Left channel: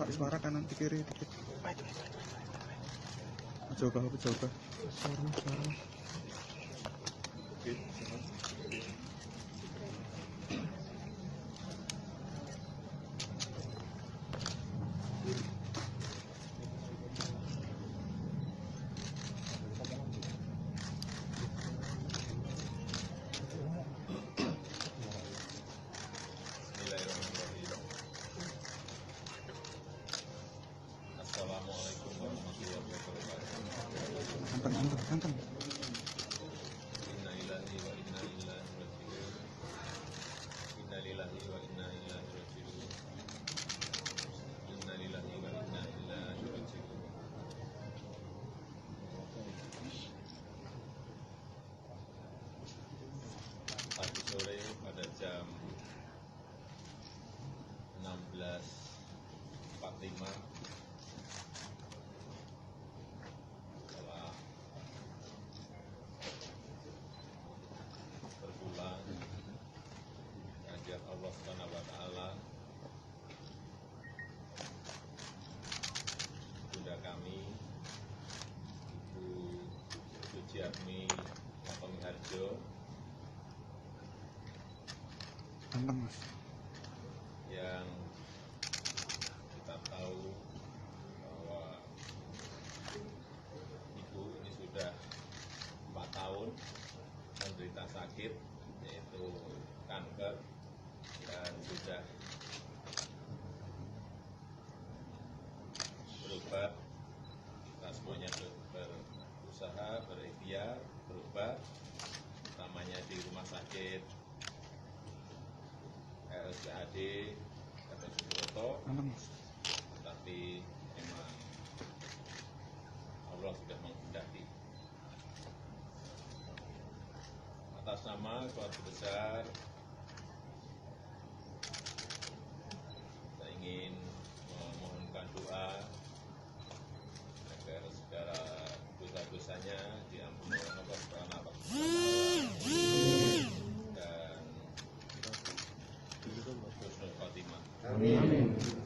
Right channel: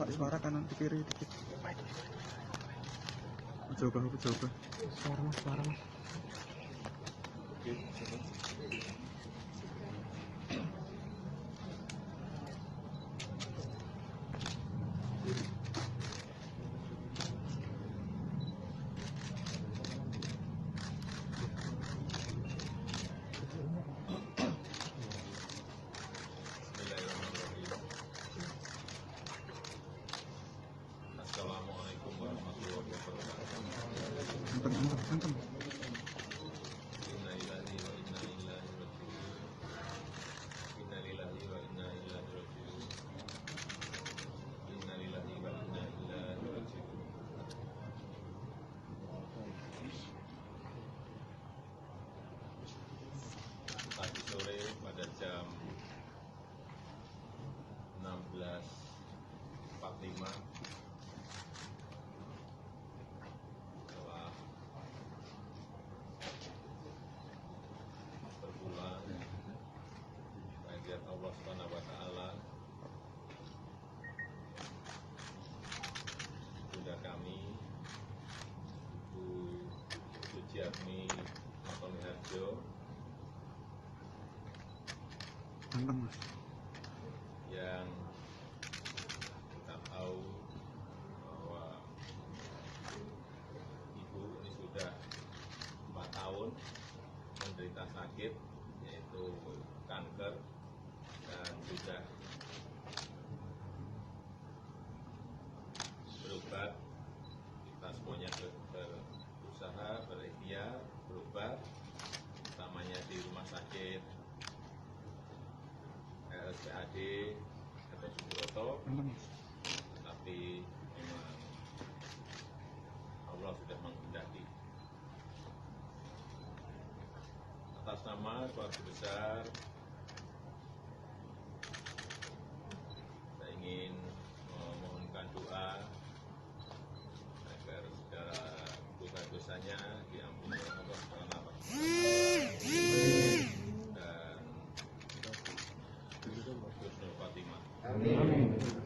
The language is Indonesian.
Pak, suara kanan ke kiri dikit. Coba. Suara mas. Assalamualaikum warahmatullahi wabarakatuh. Nonton. Innalillahi wa inna ilaihi raji'un. Innalillahi wa inna ilaihi raji'un. Innalillahi wa inna ilaihi raji'un. Tadi sore pada jam 16.45 telah berpulang kehadirat Allah Subhanahu wa taala. Bunda kami Ibu Sujiatmi Matomiharjo Nonton mas. yang kita tahu bahwa Ibu ini sudah 4 tahun menderita sakit yaitu kanker dan sudah berobat. Kita semuanya berusaha, berikhtiar, berobat, utamanya di rumah sakit RSPAD atau Subroto, Nonton mas. tetapi memang Allah sudah menghendaki. Atas nama keluarga besar, saya ingin memohonkan doa agar segala dosa-dosanya diampuni oleh Allah Subhanahu wa taala dan husnul khotimah. Amin.